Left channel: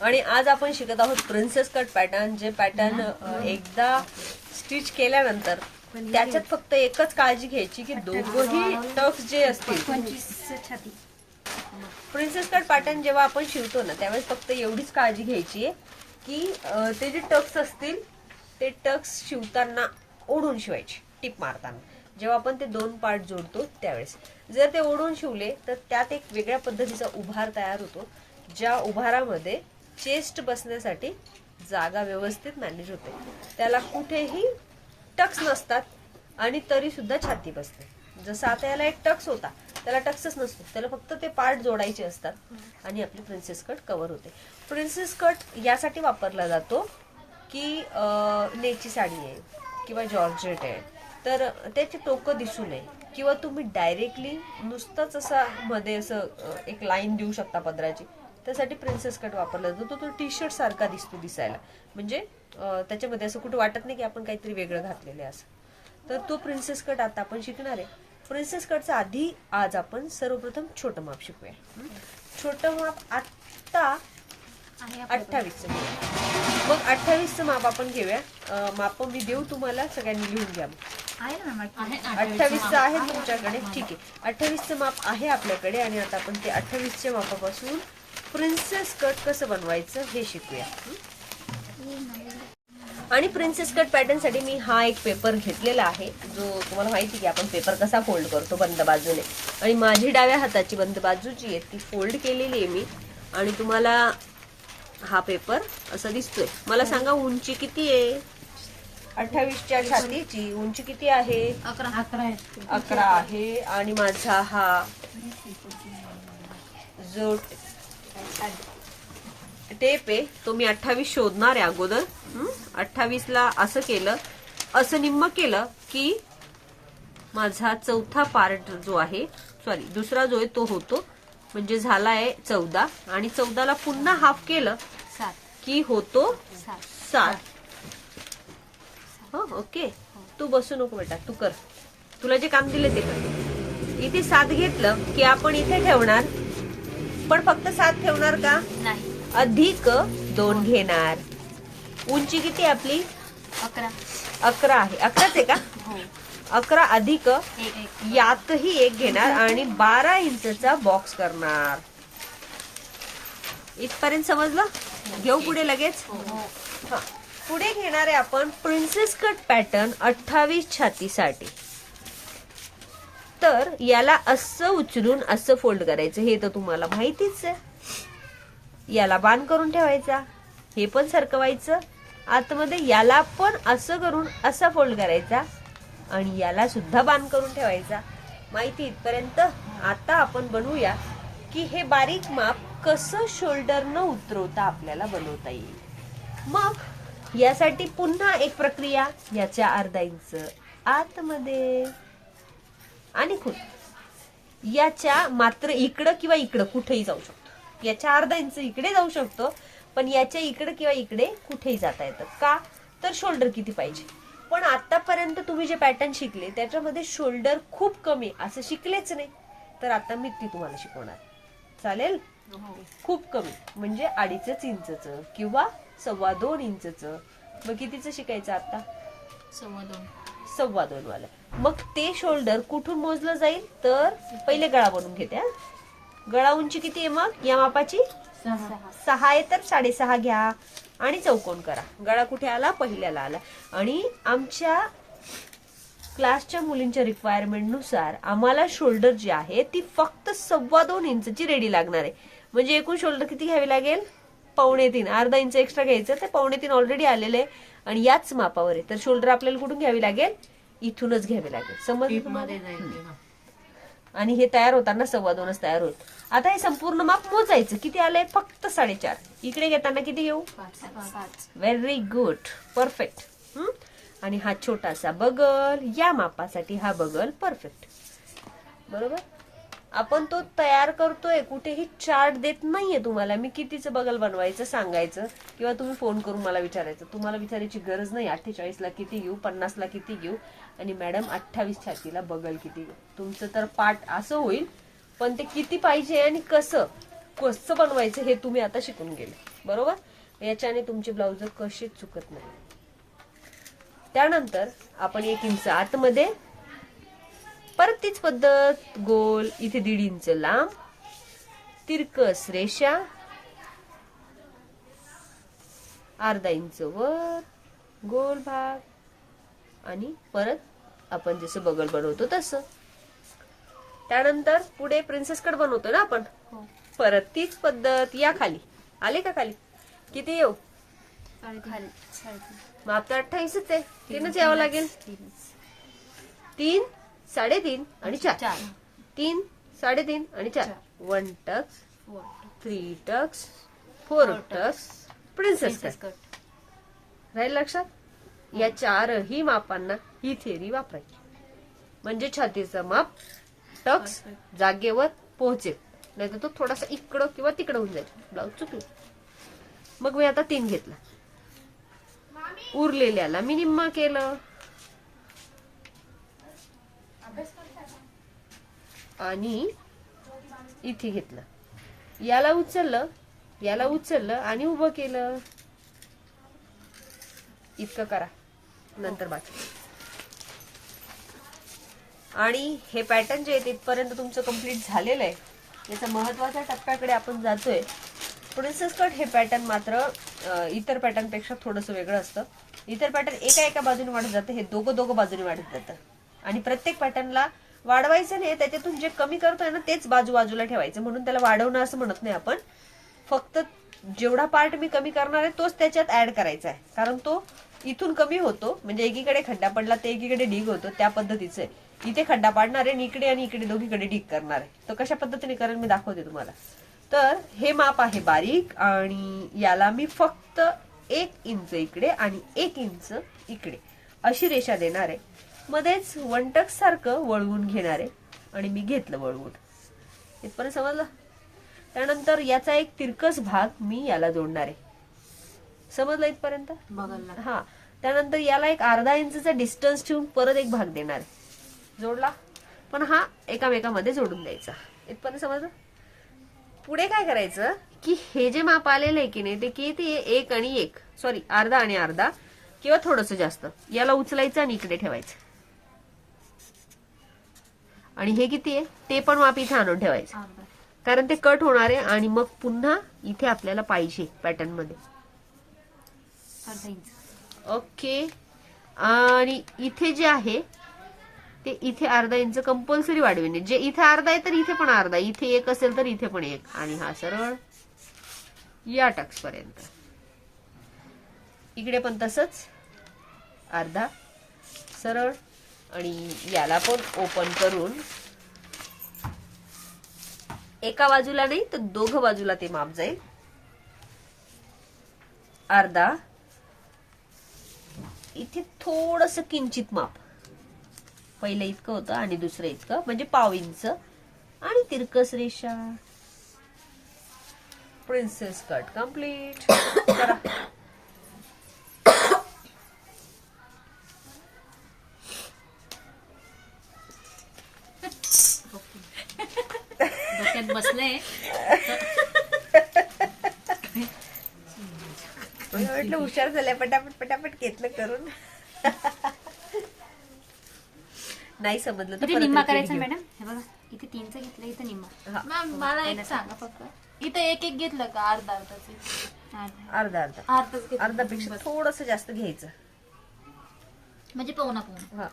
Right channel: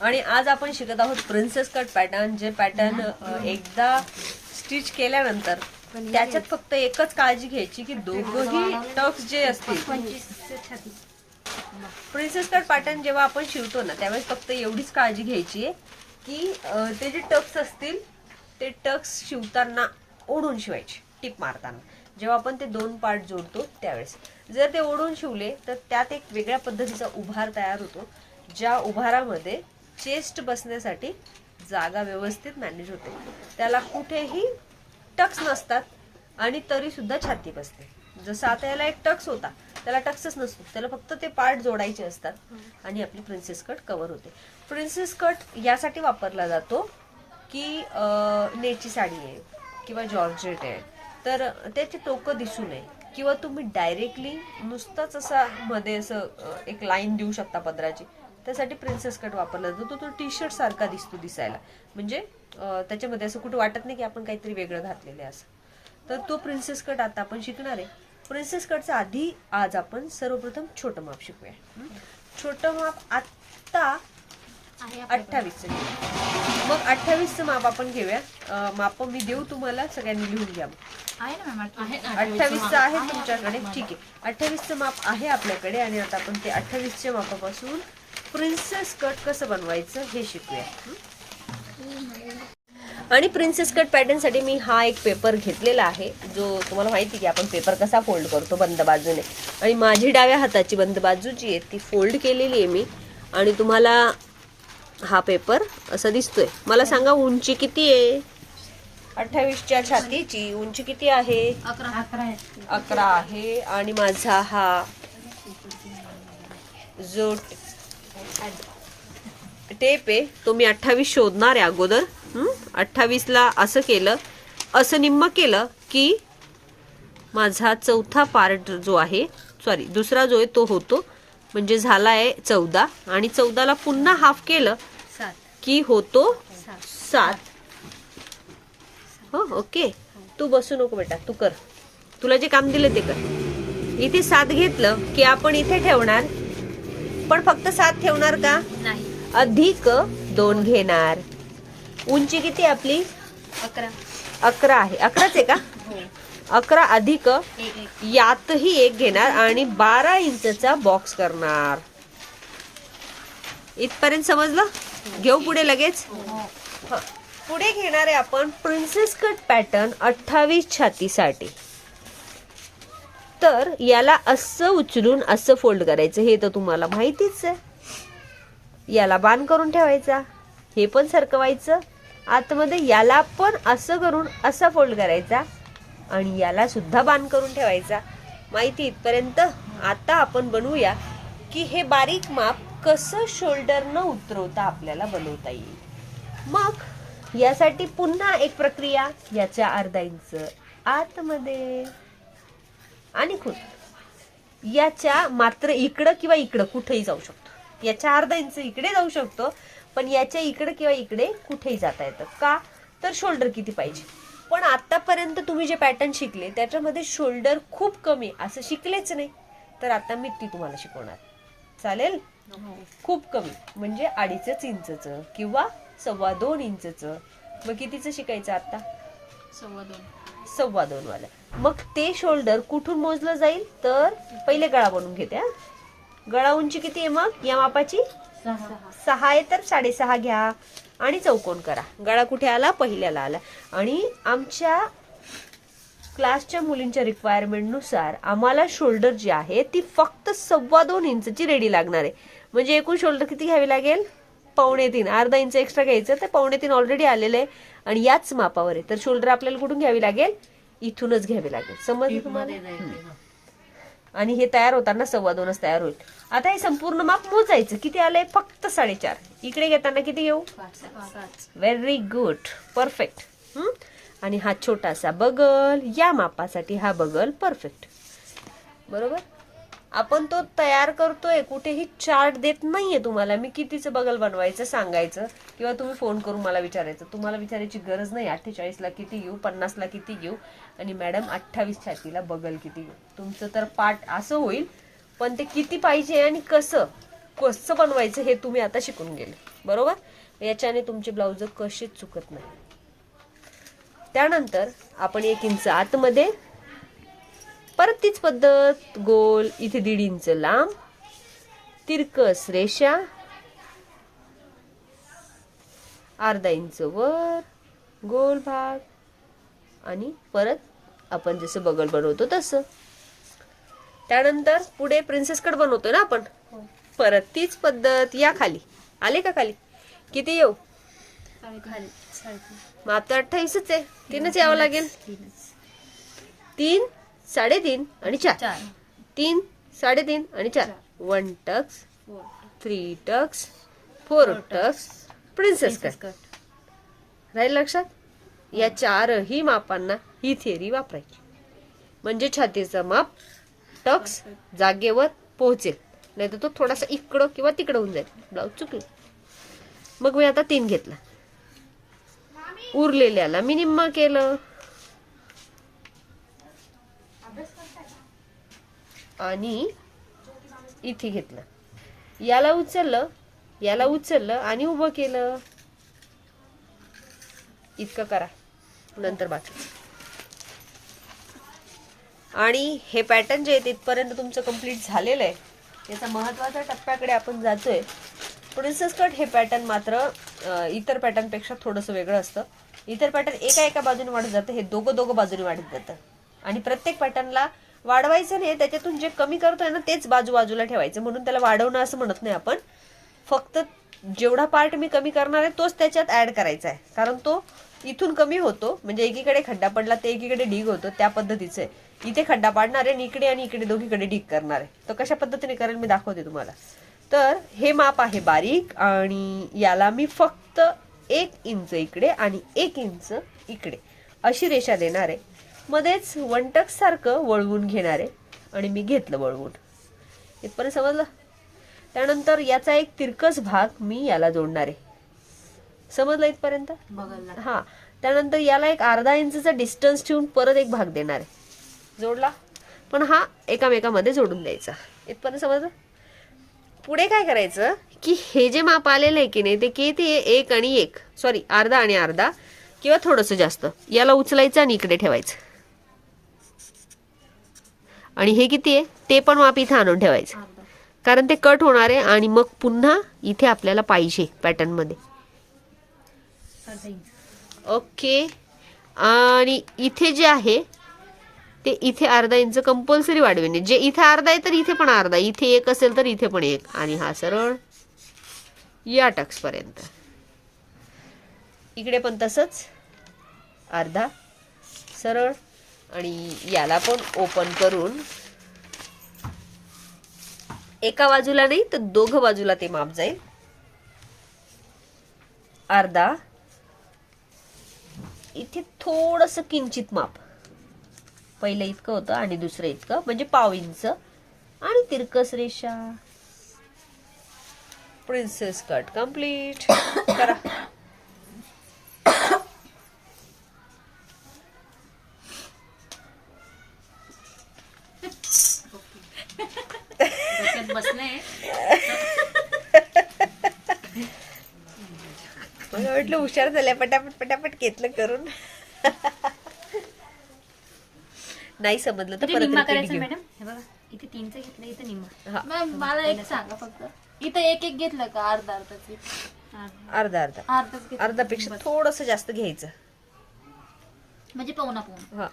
आणि आज आपण शिकत आहोत प्रिन्सेस कट पॅटर्न जे पॅटर्न एकदा स्टिच केल्यानंतर त्याच्यात फक्त एकच काळजी घ्यायची की दोघही टक्स जे असतील. प्रिन्सेस कट पॅटर्न जेव्हा आपण शिवतो ना त्यावेळेस फक्त एवढीच काळजी घ्यायची आहे की ते जे टक्स असतील ते टक्स शिवताना ओढून शिवायचे टिप मारताना. जेव्हा आपण ते दोन पार्ट जोडतो त्यावेळेस. जर ते ओढून शिवले तर त्यात एक वेगळ्या पद्धतीचा उभार तयार होतो ज्या उभारामध्ये चेस्ट बसण्यासाठी जागा व्यवस्थित मॅनेज होते. त्याला कुठेही टक्स नसतात आणि तरी सुद्धा छाती बसते. जसं आता याला एक टक्स होता त्याला टक्सच नसतो. त्याला फक्त ते पार्ट जोडायचे असतात आणि आपली प्रिन्सेस कट कव्हर होते. प्रिन्सेस कट यासाठी वापरला जातो की नेची साडी आहे किंवा जॉर्जेट आहे. तर त्याची टोकं दिसू नये. किंवा तुम्ही डायरेक्टली नुसतंच असा मध्ये असं एक लाईन देऊ शकता पदराची. त्यासाठी प्रिन्सेस कट वापरला जातो. तो तो टी शर्ट सारखा दिसतो दिसायला. म्हणजे त्याच्यामध्ये असं कुठं वाटत नाही की आपण काहीतरी वेगळं घातलेलं आहे असं. तर तो प्रिन्सेस कट आता आपण शिकणार आहे. प्रिन्सेस कटचा आधी आज आपण सर्वप्रथम छोटं माप शिकूया? छोटं माप आत्ता अठ्ठावीसचं घेऊया. मग अठ्ठावीसचं माप आपण घेऊया. माप मी देऊ तुम्हाला सगळ्यांनी लिहून घ्या मग. अठ्ठावीसचं आहे. तुमच्याकडे. ठीक आहे. अठ्ठावीसचं माप आहे आपल्याकडे आणि आता आपण ते अठ्ठावीसच्या मापापासून प्रिन्सेस कट कसं बनवायचं हे शिकूया. आणि प्रिन्सेस कट पॅटर्नसाठी मी हा एक पेपर घेतलेला आहे जो तुम्हाला माहिती की आपण पेपर कसा फोल्ड करतो बंद बाजूने. आणि माझी डाव्या हाताची बंद बाजू जी आहे ती फोल्ड केलेली आहे मी. आणि तुम्हाला हा पेपर असा दिसतोय. मला सांगा उंची किती आहे? अठ्ठावीसच्या छातीची. उंची किती आहे. अकरा आहे. आणि माझा हा जो टेप आहे. तो मी अठ्ठावीस शोधणार आहे अगोदर. अठ्ठावीस ला असं केलं असं निम्म केलं की माझा चौथा पार्ट जो आहे सॉरी दुसरा जो आहे तो होतो. म्हणजे झाला आहे चौदा. आणि चौदाला पुन्हा हाफ केलं की होतो सात. हो ओके. तू बसू नको बेटा तू कर. तुला जे काम दिलं ते कर. इथे सात घेतलं की आपण इथे ठेवणार पण फक्त सात ठेवणार का? नाही. अधिक दोन घेणार. उंची किती आपली? अकरा. अकरा आहे. अकराच आहे का? हो. अकरा अधिक एक यातही एक घेणार आणि बारा इंचचा बॉक्स करणार. इथपर्यंत समजलं? घेऊ पुढे लगेच? हा. पुढे घेणार आहे आपण प्रिन्सेस कट पॅटर्न अठ्ठावीस छातीसाठी. तर याला असं उचलून असं फोल्ड करायचं. हे तर तुम्हाला माहितीच आहे. याला बाण करून ठेवायचा. हे पण सरकवायचं. आतमध्ये याला पण असं करून असा फोल्ड करायचा. आणि याला सुद्धा बाण करून ठेवायचा. माहिती इथपर्यंत. आता आपण बनवूया की हे बारीक माप कसं शोल्डर न उतरवता आपल्याला बनवता येईल. मग यासाठी पुन्हा एक प्रक्रिया. याच्या अर्धा इंच आतमध्ये. आणि खूप याच्या मात्र इकडं किंवा इकडं कुठेही जाऊ शकतो. याच्या अर्धा इंच इकडे जाऊ शकतो पण याच्या इकडे किंवा इकडे कुठेही जाता येतं. का? तर शोल्डर किती पाहिजे? पण आतापर्यंत तुम्ही जे पॅटर्न शिकले त्याच्यामध्ये शोल्डर खूप कमी. असं शिकलेच नाही. तर आता मी ती तुम्हाला शिकवणार. चालेल? खूप कमी. म्हणजे अडीचच इंचच किंवा सव्वा दोन इंचच. मग कितीचं शिकायचं आता? सव्वा दोन. वाला. मग ते शोल्डर कुठून मोजलं जाईल? तर पहिले गळा बनवून घेते. गळा उंची किती आहे मग? या मापाची? सहा. आहे तर साडेसहा घ्या आणि चौकोन करा. गळा कुठे आला? पहिल्याला आला. आणि आमच्या क्लासच्या मुलींच्या रिक्वायरमेंटनुसार आम्हाला शोल्डर जी आहे ती फक्त सव्वा दोन इंचची रेडी लागणार आहे. म्हणजे एकूण शोल्डर किती घ्यावी लागेल? पावणे तीन. अर्धा इंच एक्स्ट्रा घ्यायचं ते पावणे तीन ऑलरेडी आलेले आहे. आणि याच मापावर आहे. तर शोल्डर आपल्याला कुठून घ्यावी लागेल? इथूनच घ्यावी लागेल. समजलं तुम्हाला? आणि हे तयार होताना सव्वा दोनच तयार होईल. आता हे संपूर्ण माप मोजायचं. किती आलंय? फक्त साडेचार. इकडे घेताना किती घेऊ? व्हेरी गुड परफेक्ट आणि हा छोटासा बगल. या मापासाठी हा बगल परफेक्ट बरोबर? आपण तो तयार करतोय कुठेही चार्ट देत नाहीये तुम्हाला. मी कितीचं बगल बनवायचं सांगायचं किंवा तुम्ही फोन करून मला विचारायचं. तुम्हाला विचारायची गरज नाही अठ्ठेचाळीसला किती घेऊ पन्नासला किती घेऊ आणि मॅडम अठ्ठावीस छातीला बगल किती घेऊ. तुमचं तर पाठ असं होईल पण ते किती पाहिजे आणि कसं? कसं बनवायचं हे तुम्ही आता शिकून गेले. बरोबर? याच्याने तुमचे ब्लाउज कसेच चुकत नाही. त्यानंतर आपण एक इंच आतमध्ये परत तीच पद्धत गोल इथे दीड इंच लांब तिरकस रेषा अर्धा इंच वर गोल भाग आणि परत आपण जसं बगल बनवतो तसं. त्यानंतर पुढे प्रिन्सेस कट बनवतो ना आपण? हो. परत तीच पद्धत या खाली. आले का खाली? किती येऊ? माप तर अठ्ठावीसच आहे. तीनच यावं लागेल. तीन साडेतीन आणि चार. तीन साडेतीन आणि चार. One tucks three tucks four tucks princess cut cut राहील लक्षात या चारही मापांना ही थिअरी वापरायची. म्हणजे छातीचं माप टक्स जागेवर पोहोचेल. नाही तर तो थोडासा इकडं किंवा तिकडं होऊन जाईल. ब्लाऊज चुकलं. मग मी आता तीन घेतला. उरलेल्याला मी निम्म केलं. आणि इथे घेतलं. याला उचललं याला उचललं आणि उभं केलं. इतकं करा. नंतर बाकी. आणि हे पॅटर्न जे आहे तिथपर्यंत तुमचं कंप्लीट झालेलं आहे. याचा महत्त्वाच्या टप्प्याकडे आपण जातोय. प्रिन्सेस कट हे पॅटर्न मात्र इतर पॅटर्नपेक्षा थोडंसं वेगळं असतं. इतर पॅटर्न एका एका बाजूने वाढत जातं हे दोघं दोघं बाजूने वाढत जातं. आणि प्रत्येक पॅटर्नला वाढवायचं नाही त्याच्यातून जे कमी करतोय ना तेच बाजू बाजूला ठेवायचं. म्हणून त्याला वाढवणं असं म्हणत नाही आपण. फक्त जेवढा पार्ट मी कमी करणार आहे तोच त्याच्यात ऍड करायचा आहे. कारण तो इथून कमी होतो. म्हणजे एकीकडे खड्डा पडला ते एकीकडे ढीग होतो त्या पद्धतीचं आहे. इथे खड्डा पाडणार आहे आणि इकडे आणि इकडे दोघीकडे ढीग करणार आहे. तर कशा पद्धतीने करेल मी दाखवते तुम्हाला. तर हे माप आहे बारीक आणि याला मी फक्त एक इंच इकडे आणि एक इंच इकडे अशी रेषा देणार आहे. मध्येच वनटक सारखं वळवून घेणार आहे. आणि मी घेतलं वळवून. इथपर्यंत समजलं? त्यानंतर याचा एक तिरकस भाग मी याला जोडणार आहे. समजलं इथपर्यंत? हा. त्यानंतर याला एक अर्धा इंचचा डिस्टन्स ठेवून परत एक भाग देणार आहे. जोडला? पण हा एकामेकामध्ये जोडून द्यायचा. इथपर्यंत समजलं? पुढे काय करायचं? की हे जे माप आलेलं आहे की नाही ते किती एक आणि एक. सॉरी अर्धा आणि अर्धा किंवा थोडस जास्त. याला उचलायचं आणि इकडे ठेवायचं. आणि हे किती आहे? ते पण माप इथे आणून ठेवायचं. कारण ते कट होणार आहे आणि मग पुन्हा इथे आपल्याला पाहिजे पॅटर्नमध्ये. अर्धा इंच ओके. आणि इथे जे आहे ते इथे अर्धा इंच कंपल्सरी वाढवेने. जे इथे अर्धा आहे तर इथे पण अर्धा. इथे एक असेल तर इथे पण एक. आणि हा सरळ या टक्स पर्यंत. इकडे पण तसंच. अर्धा. सरळ. आणि याला पण ओपन करून एका बाजूला नाही तर दोघं बाजूला ते माप जाईल. अर्धा. इथे थोडस किंचित माप. पहिलं इतकं होतं आणि दुसरं इतकं म्हणजे पाव इंच. आणि तिरकस रेषा. प्रिन्सेस कट कंप्लीट करा. हुशार झाल्या पटापट पटापट घेतलं करून. नाही समजलं तर निम्मा करायचा. मॅडम. हे बघा इथे तीनचं घेतलं इथं निम्मा. मॅम मला एक सांगा फक्त. इथं एक एक घेतलं का अर्धा अर्धाचे? अर्धा. अर्धा. अर्धा घेतलं. अर्धापेक्षा थोडस जास्त घ्यायचं. म्हणजे पाहुणा पाहुणा हा.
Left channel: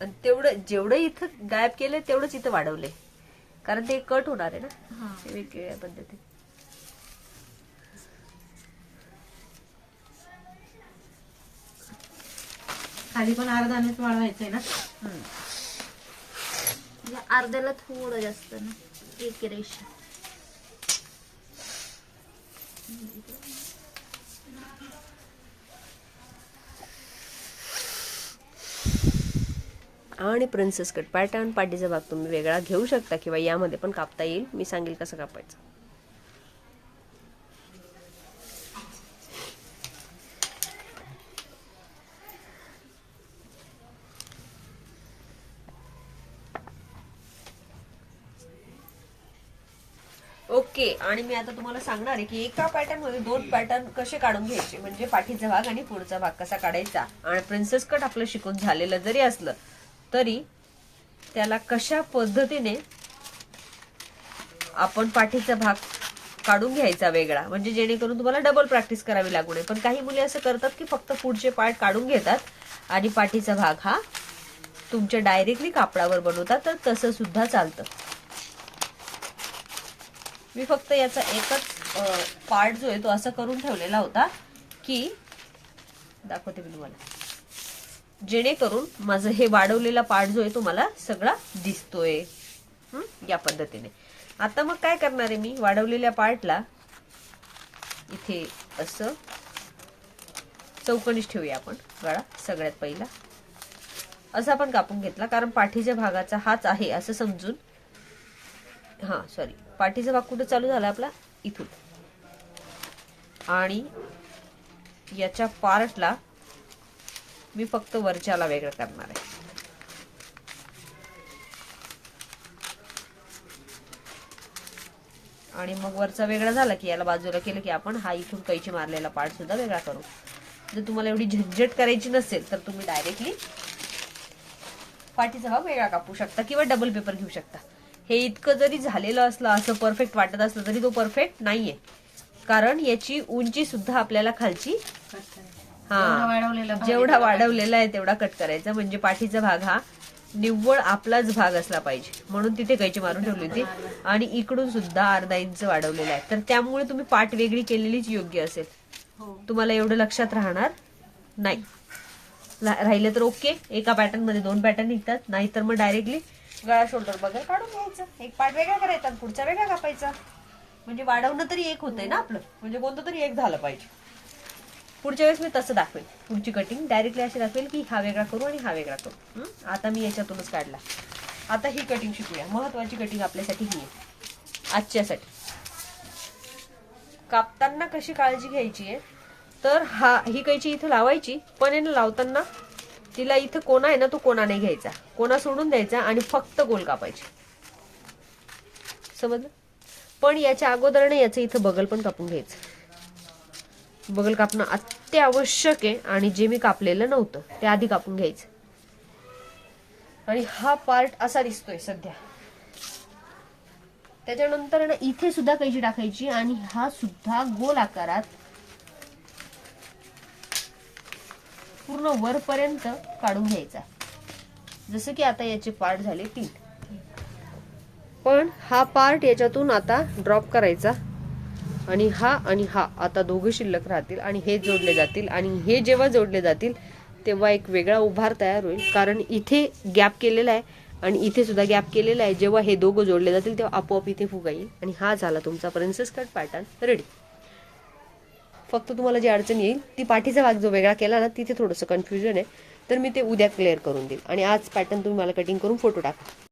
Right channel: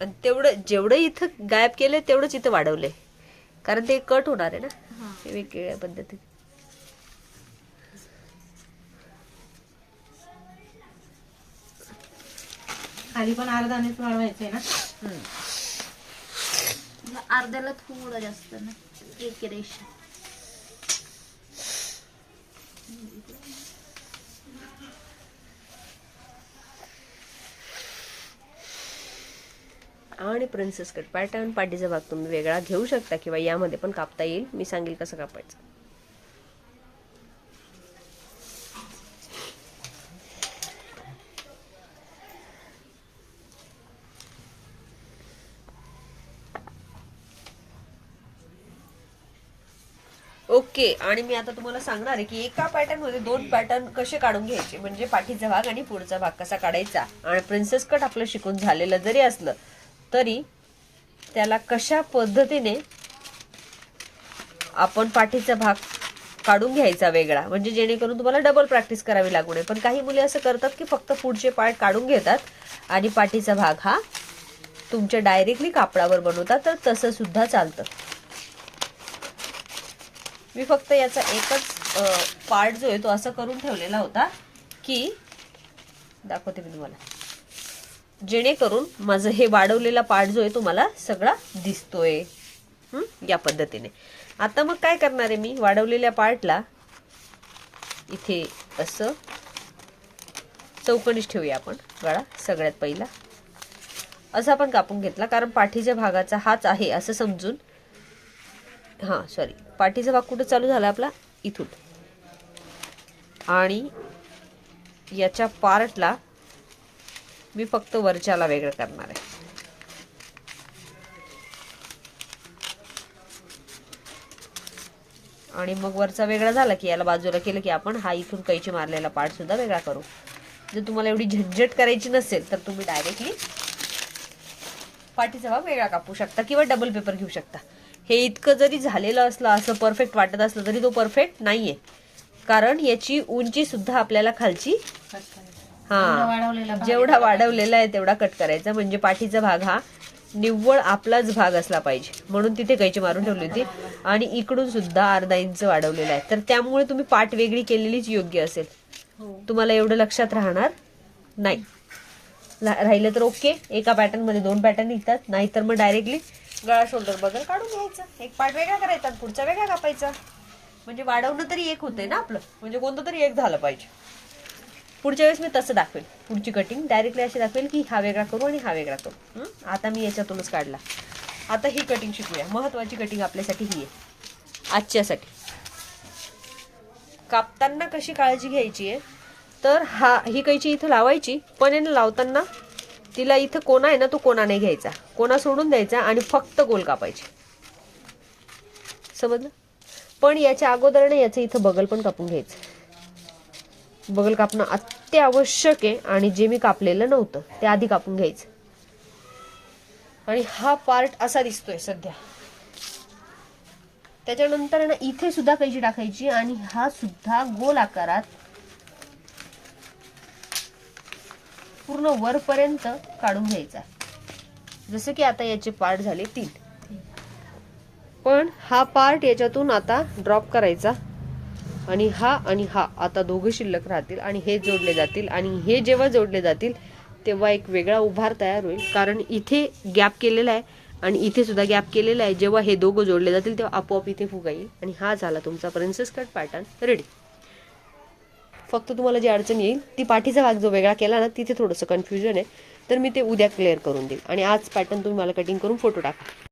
आणि तेवढं जेवढं इथं गायब केलंय तेवढंच इथं वाढवलंय. कारण ते कट होणार आहे ना. वेगवेगळ्या पद्धतीने खाली पण अर्धानेच वाढवायचे ना. अर्ध्याला थोडं जास्त ना. एक रेषा. आणि प्रिन्सेस कट पॅटर्न पाठीचा भाग तुम्ही वेगळा घेऊ शकता किंवा यामध्ये पण कापता येईल. मी सांगेल कसं कापायचं. ओके. आणि मी आता तुम्हाला सांगणार आहे की एका पॅटर्नमध्ये दोन पॅटर्न कसे काढून घ्यायचे? म्हणजे पाठीचा भाग आणि पुढचा भाग कसा काढायचा? आणि प्रिन्सेस कट आपलं शिकून झालेलं जरी असलं तरी त्याला कशा पद्धतीने आपण पाठीचा भाग काढून घ्यायचा वेगळा? म्हणजे जेणेकरून तुम्हाला डबल प्रॅक्टिस करावी लागू नये. पण काही मुली असं करतात की फक्त पुढचे पार्ट काढून घेतात आणि पाठीचा भाग हा तुमच्या डायरेक्टली कापडावर बनवतात तर तसं सुद्धा चालतं. मी फक्त याचा एकच पार्ट जो आहे तो असा करून ठेवलेला होता की दाखवते मी तुम्हाला. जेणेकरून माझं हे वाढवलेला पार्ट जो आहे तो मला सगळा दिसतोय. या पद्धतीने. आता मग काय करणार आहे मी? वाढवलेल्या पार्टला इथे असं चौकणीच ठेवूया आपण. गळा सगळ्यात पहिला. असं आपण कापून घेतला कारण पाठीच्या भागाचा हाच आहे असं समजून. हां सॉरी पाठीचा भाग कुठं चालू झाला आपला? इथून. आणि याच्या पार्टला मी फक्त वरच्याला वेगळं करणार आहे. आणि मग वरचा वेगळा झाला की याला बाजूला केलं की आपण हा इथून कैची मारलेला पार्ट सुद्धा वेगळा करू. जर तुम्हाला एवढी झंझट करायची नसेल तर तुम्ही डायरेक्टली पाठीचा भाग वेगळा कापू शकता किंवा डबल पेपर घेऊ शकता. हे इतकं जरी झालेलं असलं असं परफेक्ट वाटत असलं तरी तो परफेक्ट नाहीये. कारण याची उंची सुद्धा आपल्याला खालची हा जेवढा वाढवलेला आहे तेवढा कट करायचा. म्हणजे पाठीचा भाग हा निव्वळ आपलाच भाग असला पाहिजे. म्हणून तिथे कैची मारून ठेवली होती. आणि इकडून सुद्धा अर्धा इंच वाढवलेला आहे. तर त्यामुळे तुम्ही पाठ वेगळी केलेलीच योग्य असेल. तुम्हाला एवढं लक्षात राहणार नाही. राहिलं तर ओके एका पॅटर्नमध्ये दोन पॅटर्न निघतात. नाहीतर मग डायरेक्टली गळा शोल्डर बघा काढून घ्यायचं. एक पार्ट वेगळा करायचा आणि पुढचा वेगळा कापायचा. म्हणजे वाढवणं तरी एक होतंय ना आपलं. म्हणजे कोणतं तरी एक झालं पाहिजे. पुढच्या वेळेस मी तसं दाखवेल. पुढची कटिंग डायरेक्टली अशी दाखवेल की हा वेगळा करू आणि हा वेगळा करू. आता मी याच्यातूनच काढला. आता ही कटिंग शिकूया. महत्वाची कटिंग आपल्यासाठी ही आहे. आजच्यासाठी. कापताना कशी काळजी घ्यायची आहे? तर हा ही कैची इथं लावायची. पण लावताना तिला इथं कोणा आहे ना तो कोणा नाही घ्यायचा. कोणा सोडून द्यायचा आणि फक्त गोल कापायची. समजलं? पण याच्या अगोदर ना याचं इथं बगल पण कापून घ्यायचं. बगल कापणं अत्यावश्यक आहे आणि जे मी कापलेलं नव्हतं ते आधी कापून घ्यायचं. आणि हा पार्ट असा दिसतोय सध्या. त्याच्यानंतर ना इथे सुद्धा कैची टाकायची आणि हा सुद्धा गोल आकारात पूर्ण वरपर्यंत काढून घ्यायचा. जसं की आता याचे पार्ट झाले तीन. पण हा पार्ट याच्यातून आता ड्रॉप करायचा. आणि हा आणि हा. आता दोघे शिल्लक राहतील आणि हे जोडले जातील. आणि हे जेव्हा जोडले जातील तेव्हा एक वेगळा उभार तयार होईल. कारण इथे गॅप केलेला आहे आणि इथे सुद्धा गॅप केलेला आहे. जेव्हा हे दोघं जोडले जातील तेव्हा आपोआप इथे फुगा येईल आणि हा झाला तुमचा प्रिन्सेस कट पॅटर्न रेडी फक्त तुम्हाला जी अडचण येईल ती पाठीचा भाग जो वेगळा केला ना तिथे थोडंसं कन्फ्युजन आहे. तर मी ते उद्या क्लिअर करून देईल. आणि आज पॅटर्न तुम्ही मला कटिंग करून फोटो टाका.